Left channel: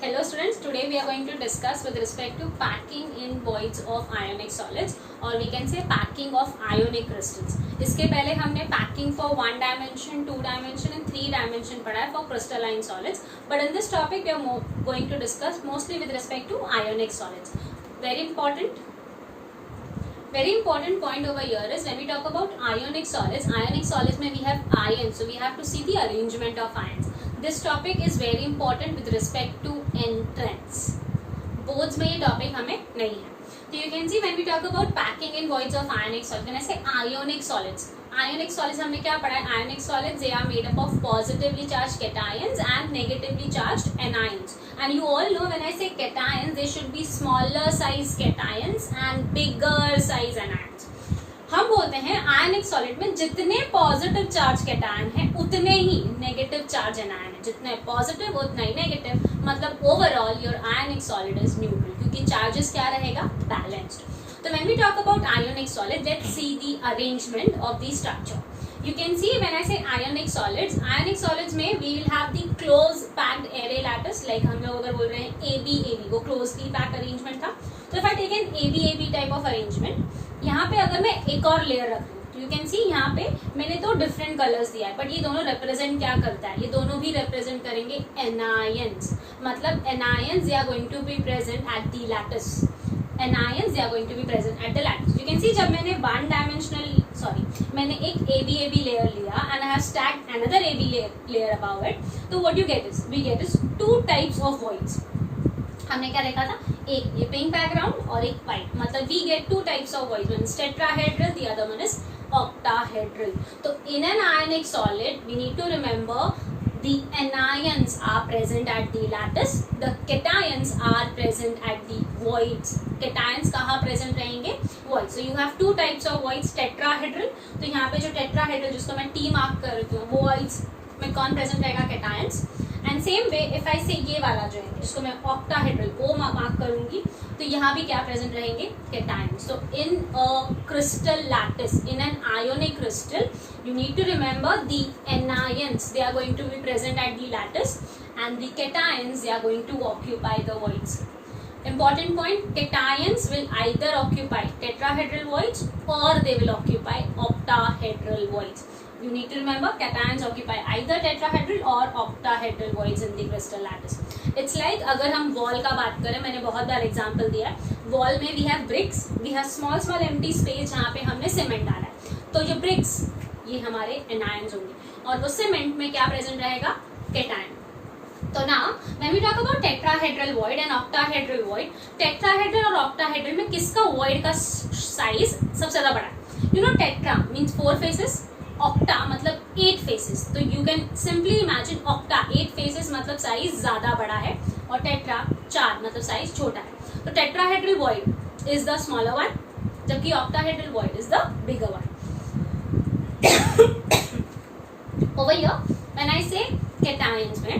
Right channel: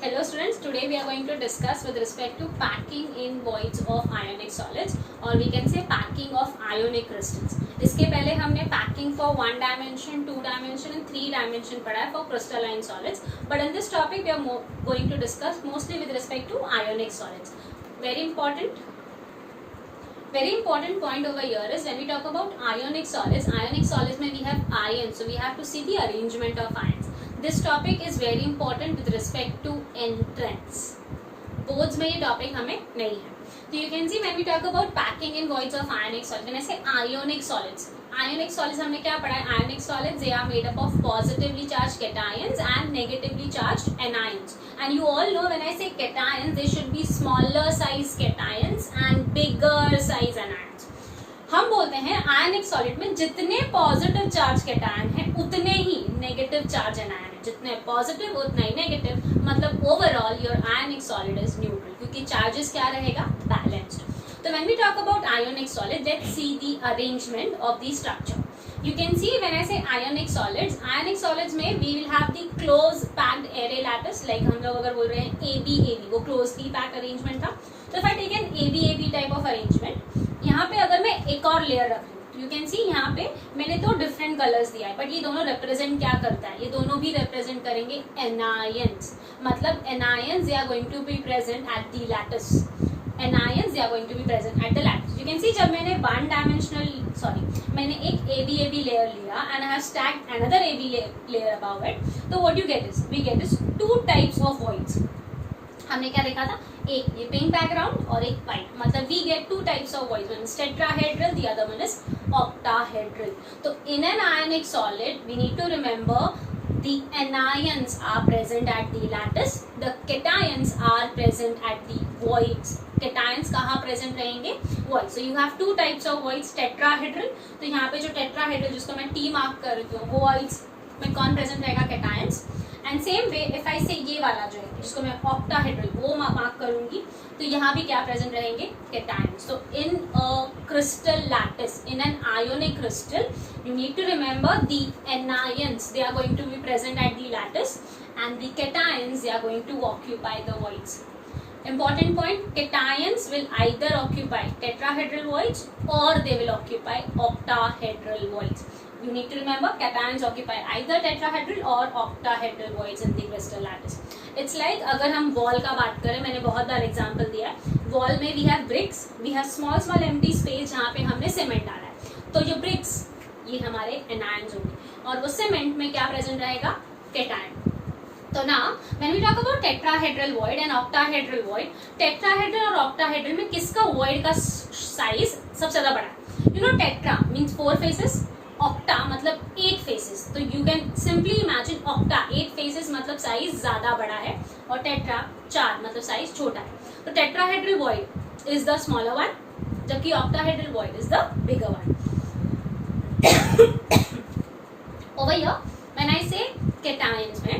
Hello students, today we are going to discuss with respect to packing in voids of ionic solids or we can say packing of ionic crystals. इसके पहले हमने packing for 1 dimension, 2 dimension and 3 dimension पढ़ा है for crystalline solids. But in this topic we are going to discuss mostly with respect to ionic solids. Very important point over here is when we talk about ionic solids में we have ions, so we have to see the arrangement of ions. This topic is very important with respect to entrance. Boards में ये topic हमें नहीं है. So you can see when we talk about packing in voids of ionic solids, when I say ionic solids हमने क्या पढ़ा है? Ionic solids they are made up of positively charged cations and negatively charged anions. And you all know when I say cations, they should be smaller size cations and bigger size anions. हम बोलते हैं आयनिक solid में जितने positive charge cation है उतने ही negative charge anion है. जितने positive उतना ही नेगेटिव, मतलब overall your ionic solid is neutral क्योंकि चार्जेस क्या रहेगा? बैलेंस्ड. तो when we talk about ionic solid, let's see the arrangement of the structure. You can see when I say ionic solids में we will have the close packed array lattice, like हम लोग अगर बोल रहे हैं AB वो closely packed arrangement था. तो if I take an AB type of arrangement, यहाँ पे अगर मैं एक और लेयर रख लूँ तो यू कैन सी यहाँ पे मैंने तो डिफरेंट कलर्स दिया है, बट ये दोनों रिप्रेजेंट क्या करता है? ये दोनों भी रिप्रेजेंट करेंगे एनायंस. मतलब anions they are going to be present at the lattice. anions they are going to be present at the lattice. You can see जब मैंने एक AB layer लिया and I have stacked another AB layer above it, तो what you get is two types of voids. हमने क्या देखा था? एक ये पिंक बैकग्राउंड और एक वाइट. मतलब we get two types of voids. One is tetrahedral, the other one is octahedral. तो in an ionic solid we need to remember the anions are present at the lattice, the cations are present at the voids. Cations कहाँ present रहेंगे? Voids. So you have two types of voids, tetrahedral. तो यहाँ पे जो tetrahedral जिसको मैं T mark कर रही हूँ, voids में कौन present रहेगा? Cations. And same way if I say ये वाला जो है जिसको मैं octahedral वो मार्क करूँगी, तो यहाँ भी क्या present रहेंगे? Cations. So in a crystal lattice, in an ionic crystal, you need to remember the anions they are going to be present at the lattice and the cations they are going to occupy the voids. Important point, cations will either occupy tetrahedral voids or they will occupy octahedral voids. You need to remember cations occupy either tetrahedral or octahedral voids in the crystal lattice. It's like अगर हम wall का बात करें, मैंने बहुत बार example दिया है. Wall में we have bricks, we have small empty space जहाँ पे हमने cement डाला है. तो जो bricks ये हमारे anions होंगे और वो cement में क्या present रहेगा? cation. तो now when we talk about tetrahedral void and octahedral void, tetrahedral और octahedral में किसका void का size सबसे ज़्यादा बड़ा है? You know tetra means 4 faces, octa मतलब 8 faces. तो you can simply imagine octa 8 faces मतलब size ज़्यादा बड़ा है और tetra 4 मतलब size छोटा है. तो tetrahedral void is the smaller one जबकि octahedral void is the bigger one. Over here when I say cations में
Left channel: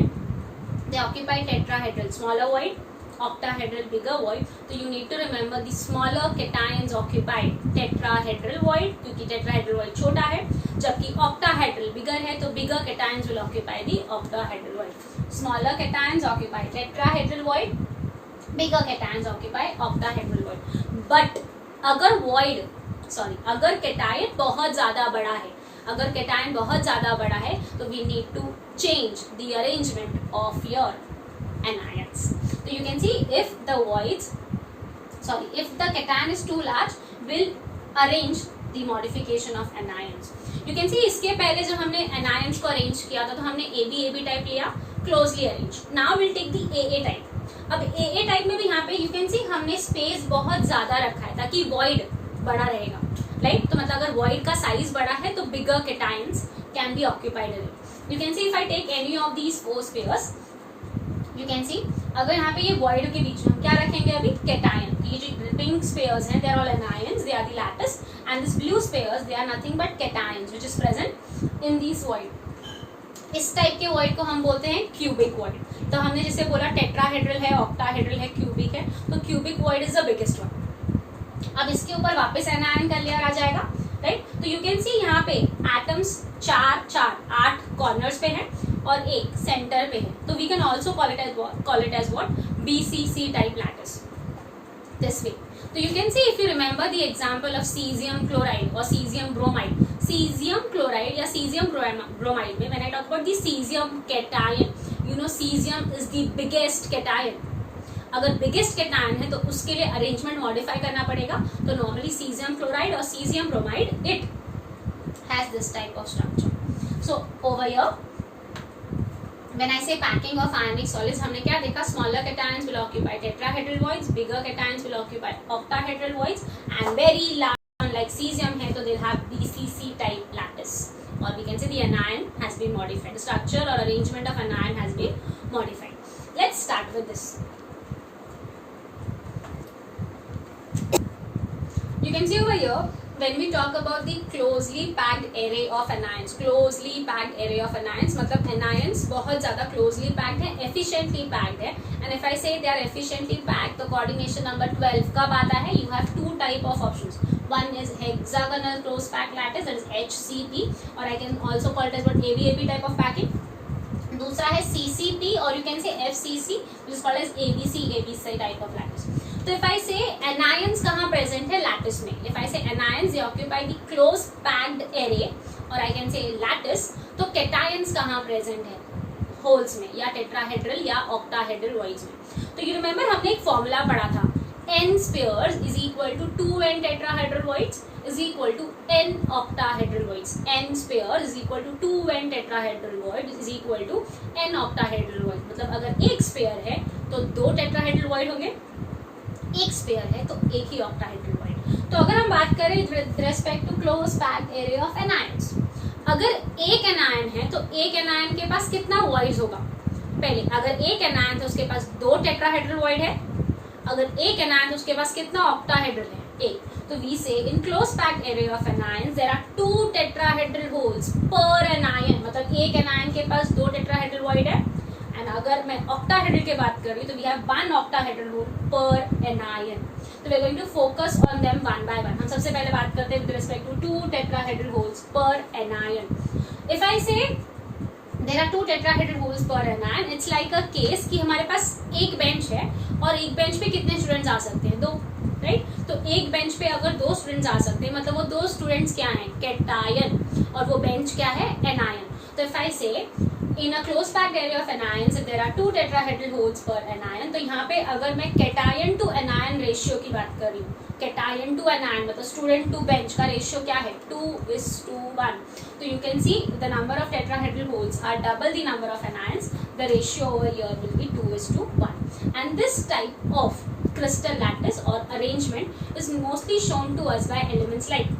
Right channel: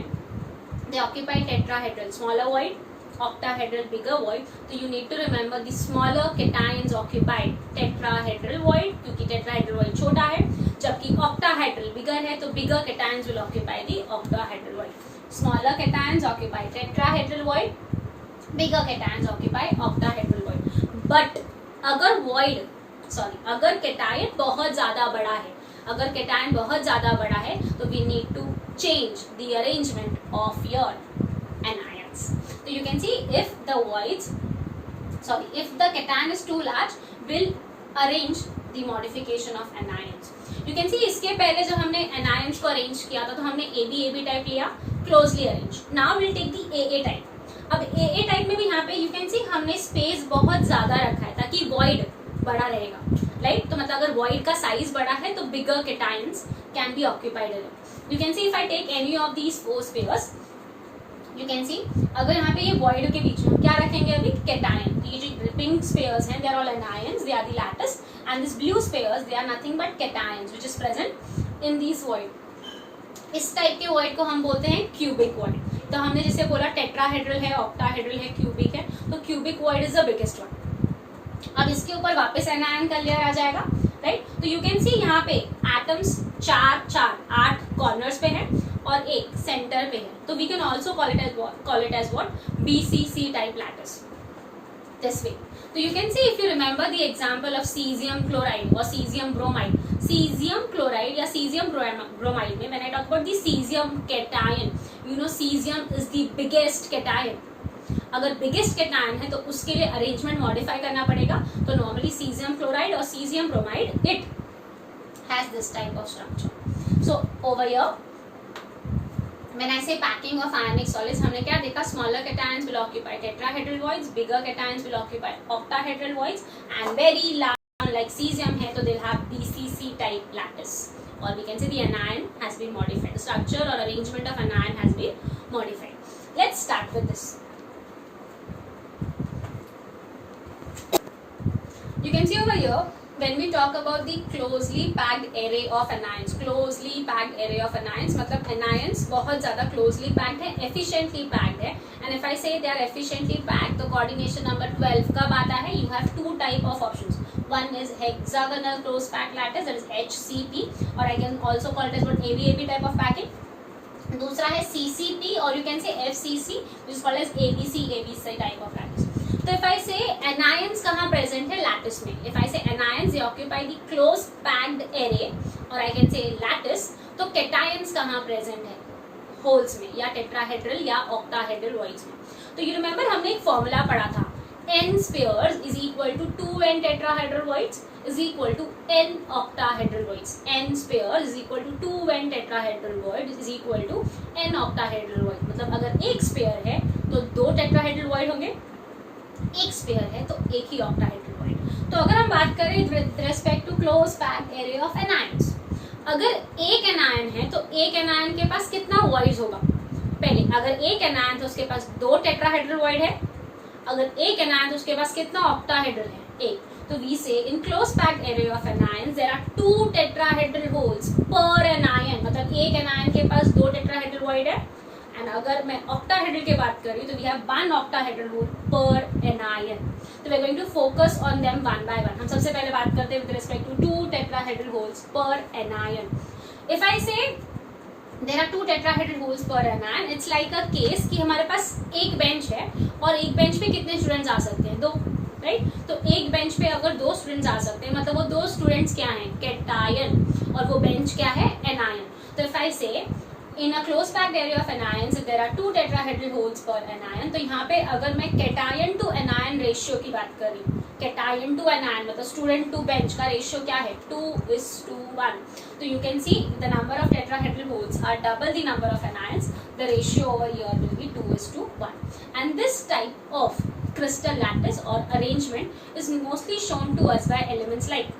they occupy tetrahedral smaller void, octahedral bigger void. So you need to remember the smaller cations occupy tetrahedral void क्योंकि tetrahedral void छोटा है, जबकि octahedral bigger है तो bigger cations will occupy the octahedral void. Smaller cations occupy tetrahedral void, bigger cations occupy octahedral void. But अगर cation बहुत ज़्यादा बड़ा है, अगर cation बहुत ज़्यादा बड़ा है तो we need to change the arrangement of your anions. So you can see if the cation is too large, we'll arrange the modification of anions. You can see इसके पहले जब हमने anions को arrange किया था तो हमने AB type लिया, closely arranged. Now we'll take the AA type. अब AA type में भी यहाँ पे you can see हमने space बहुत ज़्यादा रखा है ताकि void बड़ा रहेगा, right? तो मतलब अगर void का size बड़ा है तो bigger cations can be occupied in it. You can see if I take any of these 4 spheres, you can see अगर यहाँ पे ये void के बीच में क्या रखेंगे अभी? cation. ये जो pink spheres हैं they are all anions, they are the lattice, and this blue spheres they are nothing but cations which is present in these void. इस टाइप के void को हम बोलते हैं cubic void. तो हमने जिसे बोला tetrahedral है, octahedral है, cubic है, तो cubic void is the biggest one. अब इसके ऊपर वापस anion का लेयर आ जाएगा, राइट? तो यू कैन सी यहाँ पे एटम्स 8 कॉर्नर्स पे हैं और एक सेंटर पे है, तो we can also call it as what, BCC type lattice, this way. So you can see, if you remember the example of cesium chloride or cesium bromide. Cesium chloride या cesium bromide में, when I talk about the cesium cation, you know cesium is the biggest cation. अगर biggest cation है तो उसके लिए arrangement modify करना पड़ेगा. तो normally cesium chloride और cesium bromide, it has this type of structure. So over here, when I say packing of ionic solids, हमने क्या देखा, smaller cations will occupy tetrahedral voids, bigger cations will occupy octahedral voids, and very large like cesium है तो they'll have BCC type lattice, or we can say the anion has been modified, the structure or arrangement of anion has been modified. Let's start with this. You can see over here, when we talk about the closely packed array of anions, closely packed array of anions मतलब anions बहुत ज़्यादा closely packed है, efficiently packed है, and if I say they are efficiently packed, तो coordination number 12 कब आता है, you have two type of options. One is hexagonal close packed lattice, that is HCP, or I can also call it as what, ABAP type of packing. दूसरा है CCP, or you can say FCC, which is called as ABC type of lattice. तो if I say anions कहाँ present है lattice में, if I say anions they occupy the close packed array, or I can say lattice, तो cations कहाँ present है, holes में, या tetrahedral या octahedral voids में. तो you remember हमने एक formula पढ़ा था, n spheres is equal to 2n tetrahedral voids is equal to n octahedral voids. n spheres is equal to 2n tetrahedral voids is equal to n octahedral voids. मतलब अगर एक sphere है तो दो tetrahedral void होंगे, एक spare है तो एक ही ऑक्टाहेड्रल वॉइड. तो अगर हम बात करें with respect to close packed area of anions, अगर एक एनायन है तो एक एनायन के पास कितना वॉइड्स होगा, पहले अगर एक एनायन तो उसके पास दो टेट्राहेड्रल वॉइड है, अगर एक एनायन तो उसके पास कितना ऑक्टाहेड्रल है, एक. तो we say in close packed area of anions there are two tetrahedral holes पर एनायन, मतलब एक एनायन के पास दो टेट्राहेड्रल वॉइड है. एंड अगर मैं ऑक्टाहेड्रल की बात कर रही हूँ तो we have one octahedral hole per anion. तो we are going to focus on them one by one. हम सबसे पहले बात करते हैं with respect to two tetrahedral holes पर anion. If I say there are two tetrahedral holes पर anion, it's like a case कि हमारे पास एक बेंच है और एक बेंच पे कितने स्टूडेंट्स आ सकते हैं, दो, राइट. तो एक बेंच पे अगर दो स्टूडेंट्स आ सकते हैं मतलब वो दो स्टूडेंट्स क्या हैं, कैटायन, और वो बेंच क्या है, एनायन. तो इफ आई से in a close packed area of anions if there are two tetrahedral holes per anion, तो यहाँ पे अगर मैं cation to anion ratio की बात कर रही हूँ, cation to anion मतलब student to bench का ratio क्या है, 2:1. तो you can see the number of tetrahedral holes are double the number of anions, the ratio over here will be 2:1. And this type of crystal lattice or arrangement is mostly shown to us by elements like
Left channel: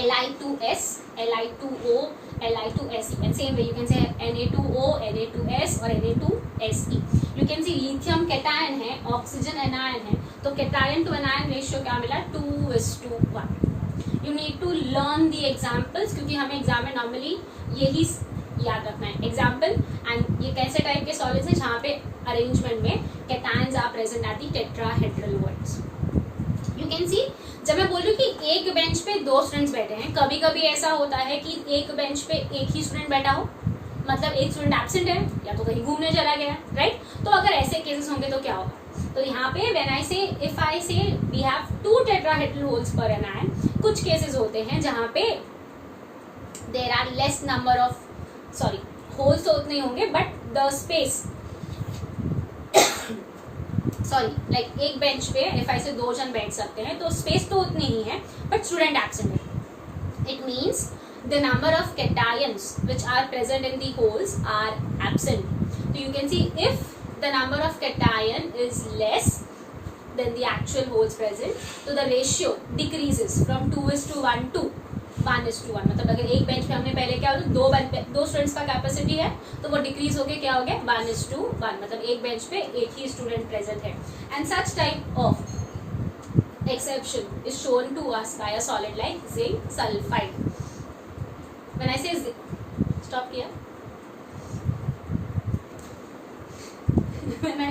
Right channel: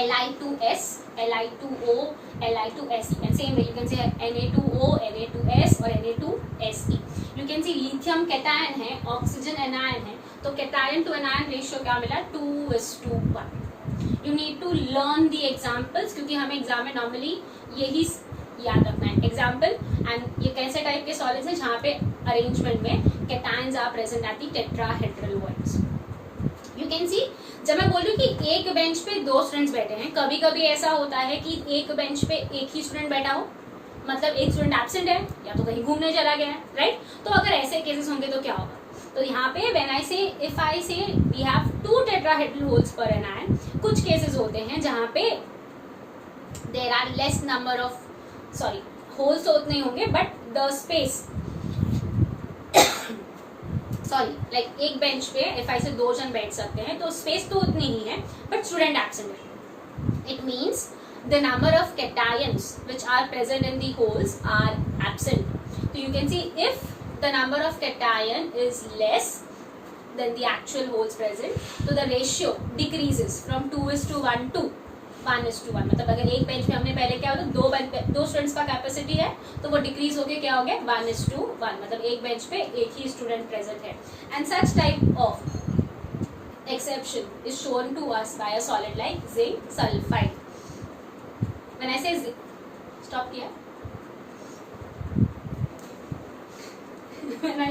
Li2s, Li2o, Li2se, and same way you can say Na2o, Na2s और Na2se. You can see lithium cation है, oxygen anion है, तो cation to anion ratio क्या मिला, 2:1. You need to learn the examples क्योंकि हमें exam में normally यही याद रखना है, एग्जाम्पल. एंड ये कैसे टाइप के सॉलिड्स हैं जहाँ पे अरेंजमेंट में cations are present at the tetrahedral voids. You can see, जब मैं बोल रही हूँ कि एक बेंच पे दो स्टूडेंट्स बैठे हैं, कभी कभी ऐसा होता है कि एक बेंच पे एक ही स्टूडेंट बैठा हो, मतलब एक स्टूडेंट एब्सेंट है या तो कहीं घूमने चला गया है, राइट. तो अगर ऐसे केसेस होंगे तो क्या होगा, तो यहाँ पे व्हेन आई से if I say we have two tetrahedral holes पर एनायन, कुछ केसेस होते हैं जहाँ पे there are less number of, sorry holes तो उतने होंगे but the space, sorry like एक बेंच पे इफ आई से दो जन बैठ सकते हैं तो स्पेस तो उतनी ही है बट स्टूडेंट एब्सेंट है. It means the number of cations which are present in the holes are absent. So you can see if the number of cation is less than the actual holes present, so the ratio decreases from 2:1 to 1:1. मतलब अगर एक bench पे हमने पहले क्या होता है, दो स्टूडेंट्स का कैपेसिटी है तो वो डिक्रीज होके क्या हो गया, 1:1. मतलब एक बेंच पे एक ही स्टूडेंट प्रेजेंट है. And such type of exception is shown to us by a solid like zinc sulphide. When I say stop किया, when I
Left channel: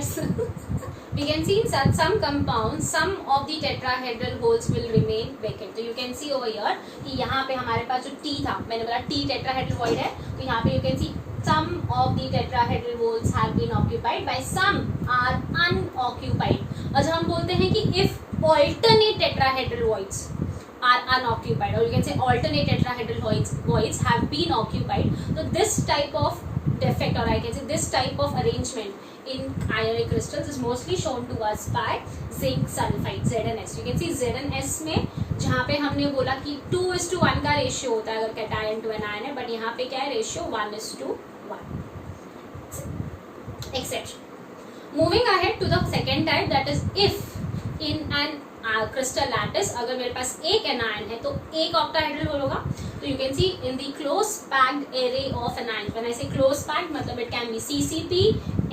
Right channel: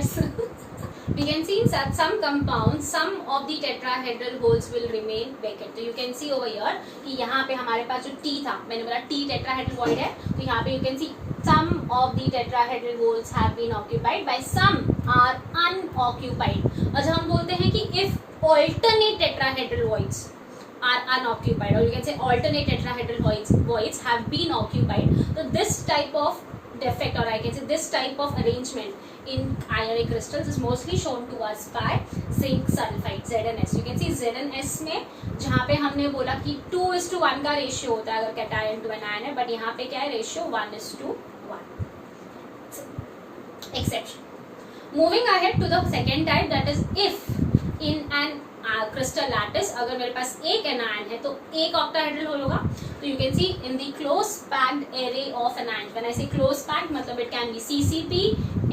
we can see in some compounds some of the tetrahedral holes will remain vacant. तो you can see over here कि यहाँ पे हमारे पास जो T था, मैंने बोला T tetrahedral void है, तो यहाँ पे you can see some of the tetrahedral holes have been occupied by some are unoccupied. और जब हम बोलते हैं कि if alternate tetrahedral voids are unoccupied, or you can say alternate tetrahedral voids have been occupied, so this type of defect, or I can say this type of arrangement in ionic crystals is mostly shown to us by zinc sulfide, ZnS. You can see ZnS में जहाँ पे हमने बोला कि 2:1 का ratio होता है अगर कैटायन टू एनायन है, बट यहाँ पे क्या है ratio 1:1. Exception. Moving ahead to the second type, that is if in an crystal lattice अगर मेरे पास एक एनायन है तो एक ऑक्टाहेड्रल होल होगा. तो you can see in the close packed array of anions, when I say close packed मतलब it can be CCP,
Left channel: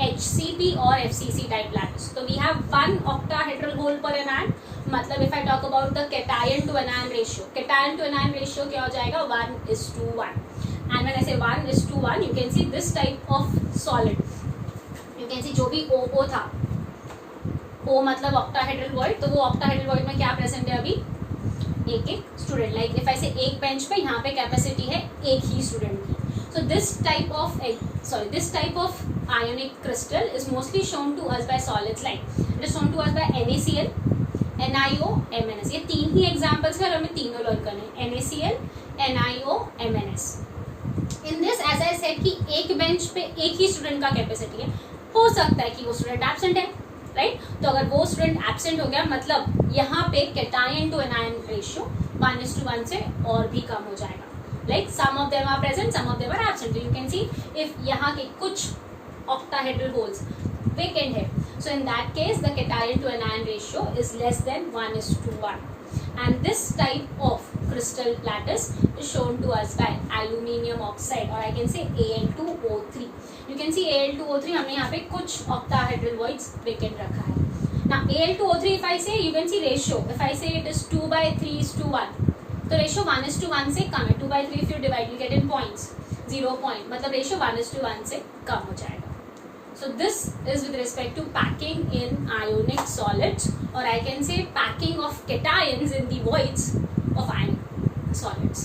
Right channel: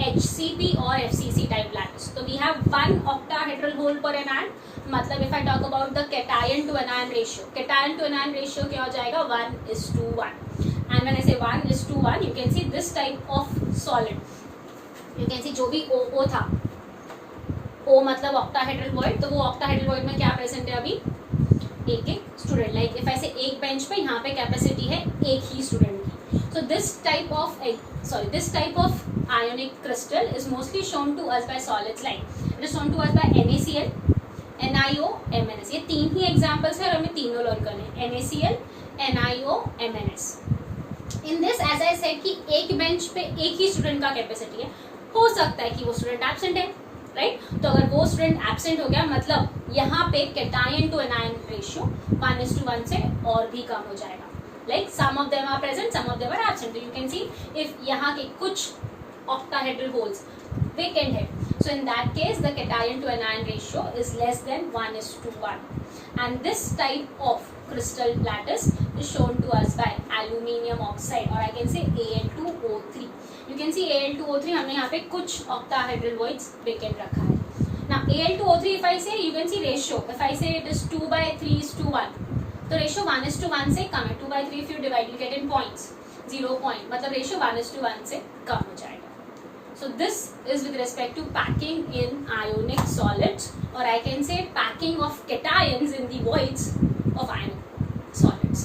HCP or FCC type lattice. So we have one octahedral hole per anion. मतलब if I talk about the cation to anion ratio, cation to anion ratio क्या हो जाएगा 1:1. And when I say 1:1, you can see this type of solid, you can see जो भी O था, O मतलब octahedral void, तो वो octahedral void में क्या प्रेजेंट है अभी एक स्टूडेंट. लाइक इफ आई से एक बेंच पे यहाँ पे कैपेसिटी है एक ही स्टूडेंट की. So this type of ionic crystal is mostly shown to us by solids like it is shown to us by NaCl, NiO, MnS. ये तीन ही एग्जांपल्स है और हमें तीनों लर्न करने हैं, NaCl, NiO, MnS. In this as I said कि एक बेंच पे एक ही स्टूडेंट का कैपेसिटी है, हो सकता है कि वो स्टूडेंट एब्सेंट है, राइट. तो अगर वो स्टूडेंट एब्सेंट हो गया मतलब यहाँ पे कैटायन टू एनायन रेशियो 1:1 से और भी कम हो जाएगा. Like some of them are present, some of them are absent. You can see if यहाँ के कुछ ऑक्टाहेड्रल होल्स वेकेंट है, so in that case the cation to anion ratio is less than 1:1. And this type of crystal lattice is shown to us by aluminium oxide, or I can say Al2O3. You can see Al2O3 हमने यहाँ पे कुछ octahedral voids vacant रखा है. Now Al2O3 if I say, you can see ratio. If I say it is 2/3:1, तो ratio 1:1 से कम है. 2/3 if you divide, you get in points, 0 point. मतलब ratio 1:1 से कम हो जाएगा. So this is with respect to packing in ionic solids, or I can say packing of cations in the voids of ionic solids.